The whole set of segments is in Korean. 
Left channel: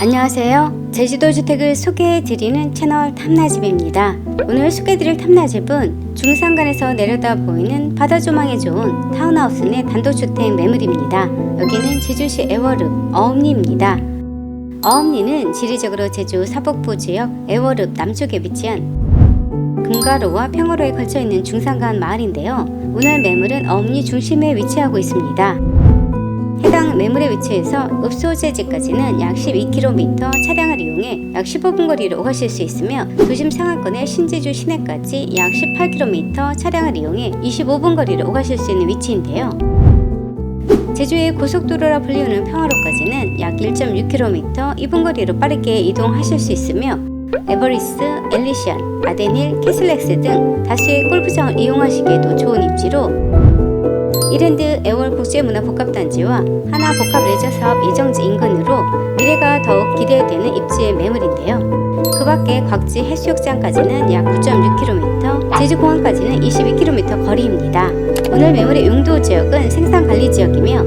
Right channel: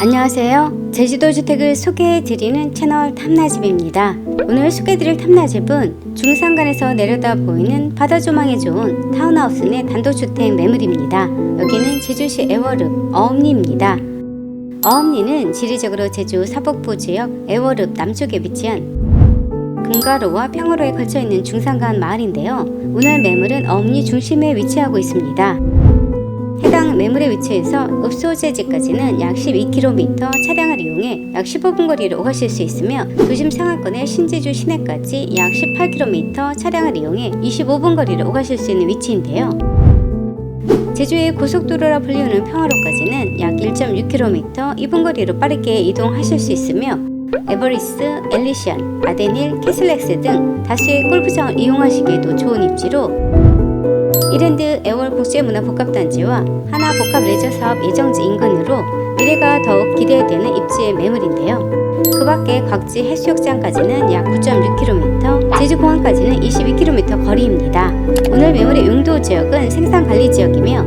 안녕하세요. 제주도 주택을 소개해드리는 채널 탐나집입니다. 오늘 소개해드릴 탐나집은 중산간에서 내려다 보이는 바다 조망이 좋은 타운하우스 내 단독주택 매물입니다. 여기는 제주시 애월읍 어음리입니다. 어음리는 지리적으로 제주 사복부 지역 애월읍 남쪽에 위치한 금가로와 평화로에 걸쳐 있는 중산간 마을인데요. 오늘 매물은 어음리 중심에 위치하고 있습니다. 해당 매물의 위치에서 읍소재지까지는 약 12km 차량을 이용해 약 15분 거리를 오가실 수 있으며 도심 상하권의 신제주 시내까지 약 18km 차량을 이용해 25분 거리를 오가실 수 있는 위치인데요. 제주의 고속도로라 불리우는 평화로까지는 약 1.6km 2분 거리로 빠르게 이동하실 수 있으며 에버리스, 엘리션, 아데닐, 캐슬렉스 등 다수의 골프장을 이용하시기에도 좋은 입지로 이랜드 애월 국제문화복합단지와 하나 복합 레저 사업 예정지 인근으로 미래가 더욱 기대되는 입지의 매물인데요. 그 밖에 곽지 해수욕장까지는 약 9.6km, 제주공항까지는 22km 거리입니다. 오늘 매물의 용도 지역은 생산관리 지역이며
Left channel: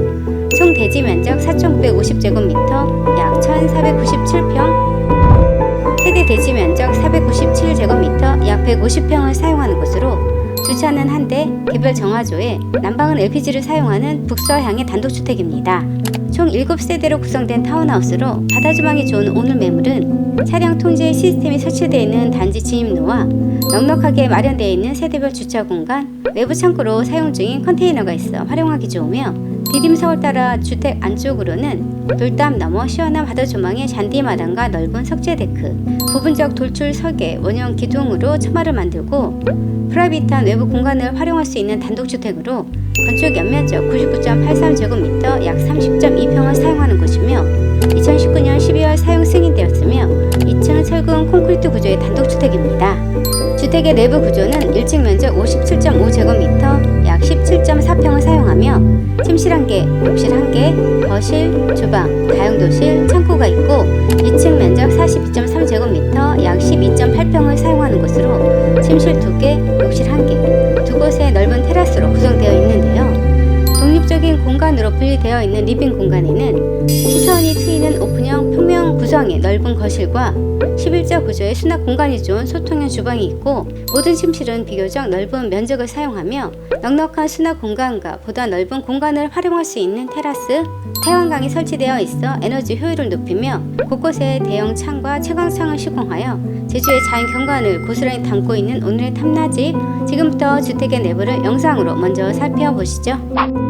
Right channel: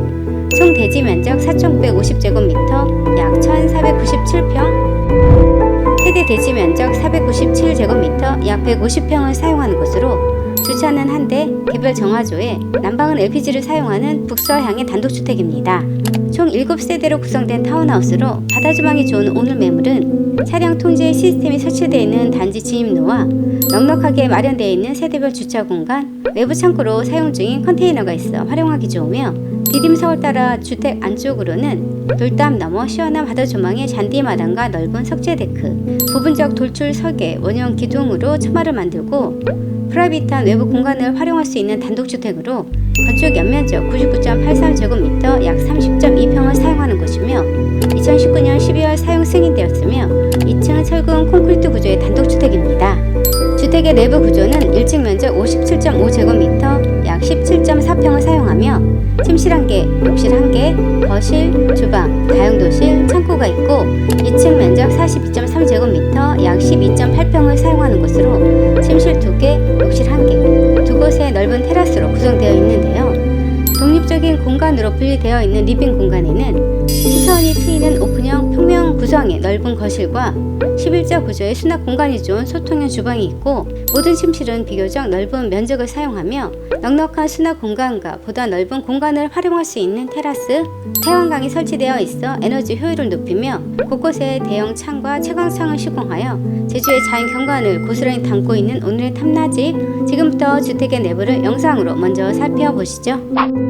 총 대지 면적 4,950제곱미터, 약 1,497평, 세대 대지 면적 497제곱미터, 약 150평을 사용하는 곳으로 주차는 한 대, 개별 정화조에 난방은 LPG를 사용하는 북서향의 단독주택입니다. 총 7세대로 구성된 타운하우스로 바다 조망이 좋은 오늘 매물은 차량 통제 시스템이 설치되어 있는 단지 진입로와 넉넉하게 마련되어 있는 세대별 주차 공간, 외부 창고로 사용 중인 컨테이너가 있어 활용하기 좋으며 디딤석을 따라 주택 안쪽으로는 돌담 너머 시원한 바다 조망의 잔디 마당과 넓은 석재 데크, 부분적 돌출 설계, 원형 기둥으로 처마를 만들고 프라이빗한 외부 공간을 활용할 수 있는 단독주택으로 건축 연면적 99.83제곱미터 약 30.2평을 사용하는 곳이며 2019년 12월 사용 승인되었으며 2층 철근 콘크리트 구조의 단독주택입니다. 주택의 내부 구조는 1층 면적 57.5제곱미터 약 17.4평을 사용하며 침실 1개, 욕실 1개, 거실, 주방, 다용도실, 창고가 있고 2층 면적 42.3제곱미터 약 12.8평을 사용하는 곳으로 침실 2개, 욕실 1개, 두 곳의 넓은 테라스로 구성되어 있는데요. 독립적인 공간으로 분리되어 있는 리빙 공간에는 시선이 트이는 오픈형 평면 구성의 넓은 거실과 11자 구조의 수납 공간이 좋은 소통형 주방이 있고 모든 침실은 비교적 넓은 면적을 사용하며 넉넉한 수납 공간과 보다 넓은 공간을 활용할 수 있는 테라스, 태양광이 설치되어 있어 에너지 효율을 높이며 곳곳에 대형 창과 채광창을 시공하여 제주의 자연 경관을 고스란히 담고 있는 오늘의 탐나집 지금부터 주택의 내부를 영상으로 먼저 살펴보시죠.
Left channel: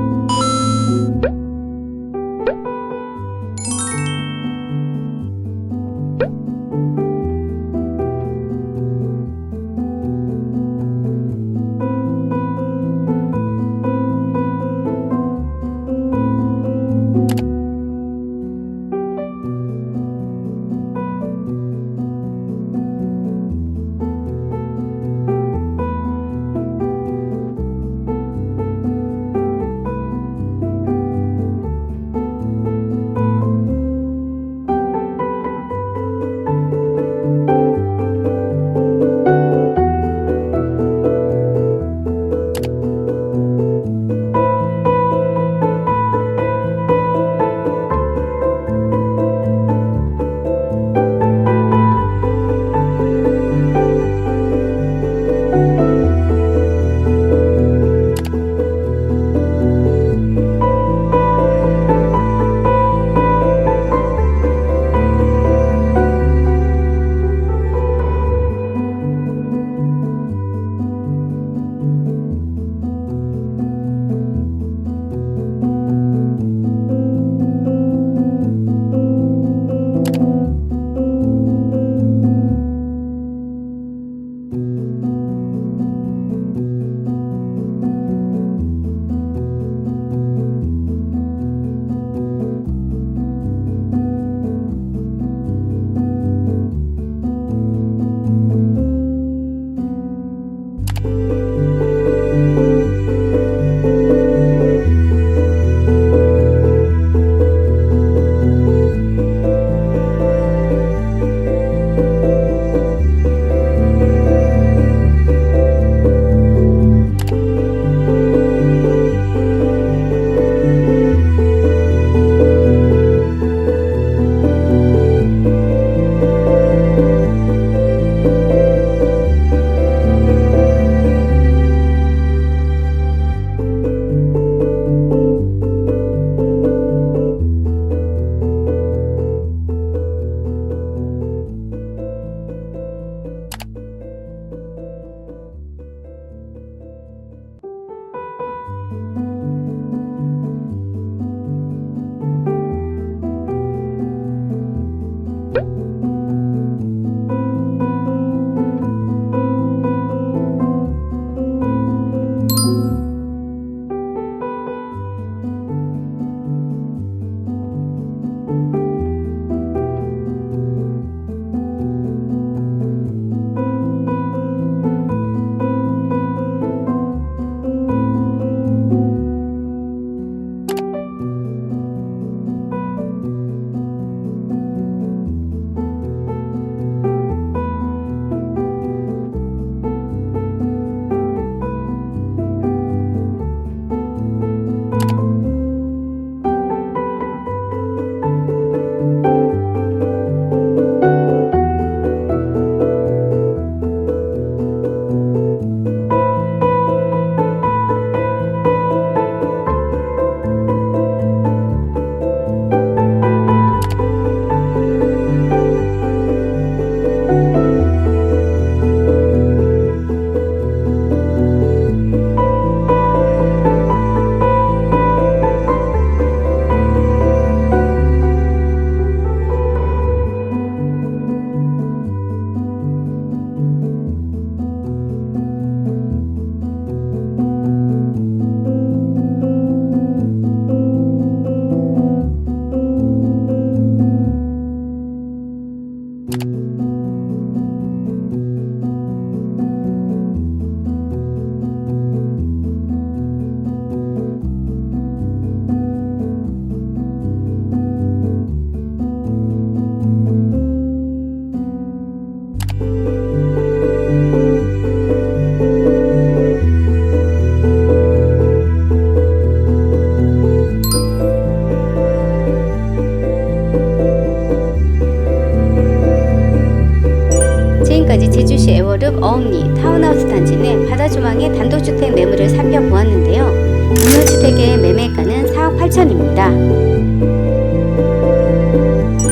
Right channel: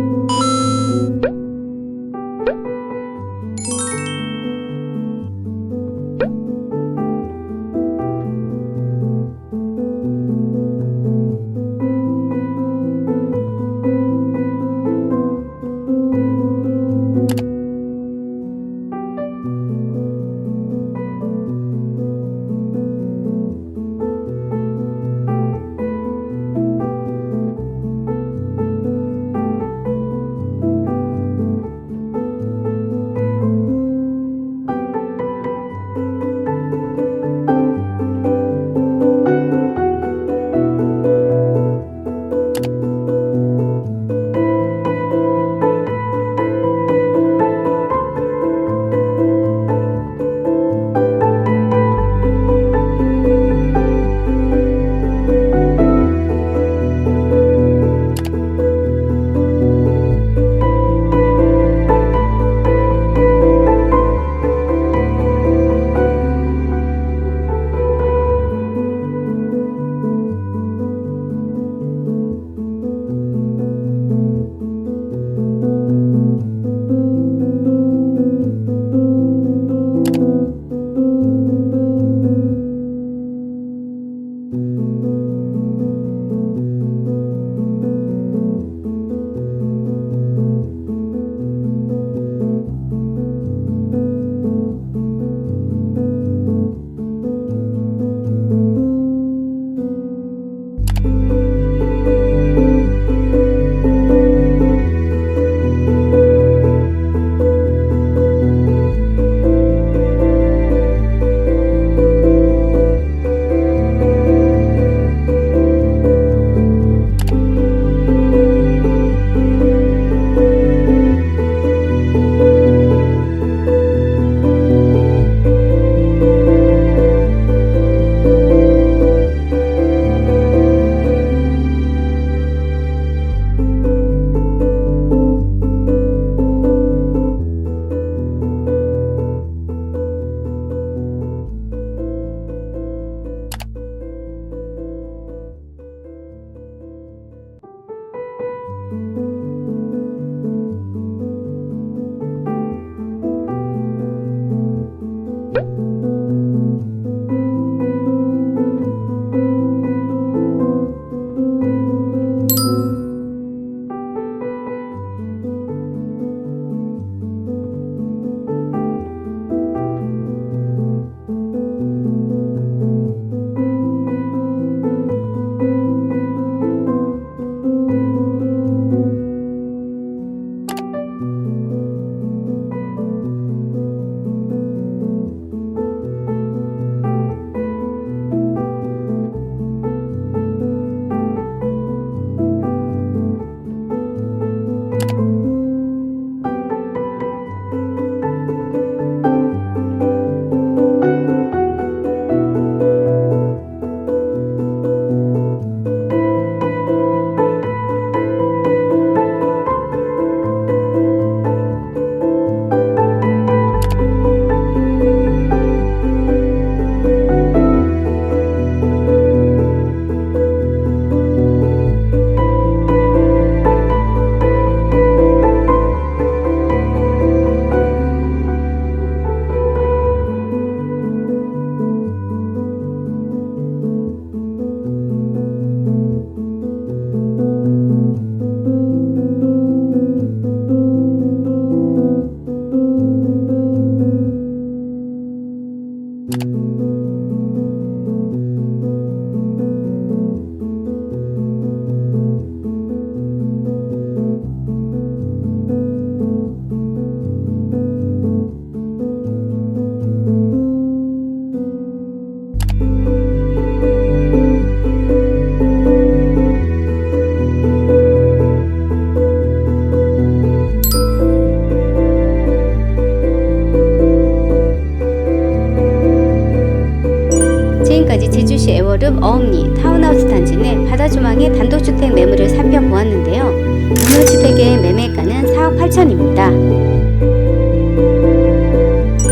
지금까지 제주시 애월읍 어음리 타운하우스 단지 내 바다 조망의 단독주택 매물을 살펴보았는데요. 오늘 주택의 매매가는 4억 8천입니다.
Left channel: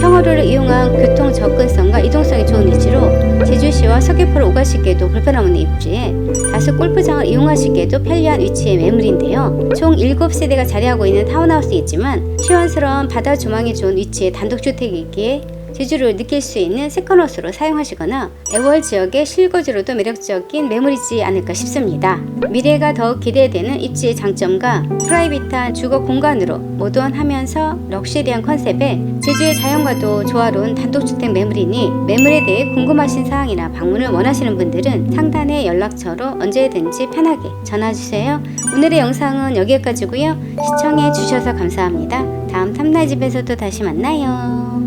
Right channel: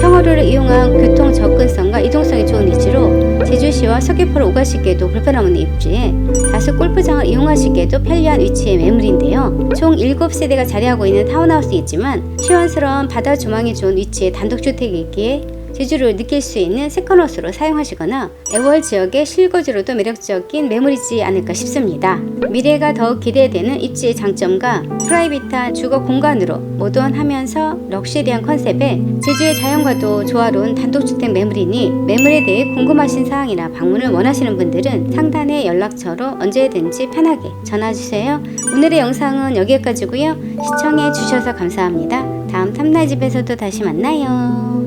평화로를 이용한 교통 접근성과 이동성이 좋은 위치로 제주시와 서귀포를 오가시기에도 불편 없는 입지에 다수 골프장을 이용하시기에도 편리한 위치의 매물인데요. 총 7세대가 자리하고 있는 타운하우스이지만 시원스러운 바다 조망이 좋은 위치의 단독주택이기에 제주를 느낄 수 있는 세컨하우스로 사용하시거나 애월 지역의 실거주로도 매력적인 매물이지 않을까 싶습니다. 미래가 더욱 기대되는 입지의 장점과 프라이빗한 주거 공간으로 모던하면서 럭셔리한 컨셉에 제주의 자연과도 조화로운 단독주택 매물이니 매물에 대해 궁금하신 사항이나 방문을 원하시는 분들은 상단의 연락처로 언제든지 편하게 전화주세요. 오늘의 영상은 여기까지고요. 시청해 주셔서 감사합니다. 다음 탐나집에서도 다시 만나요.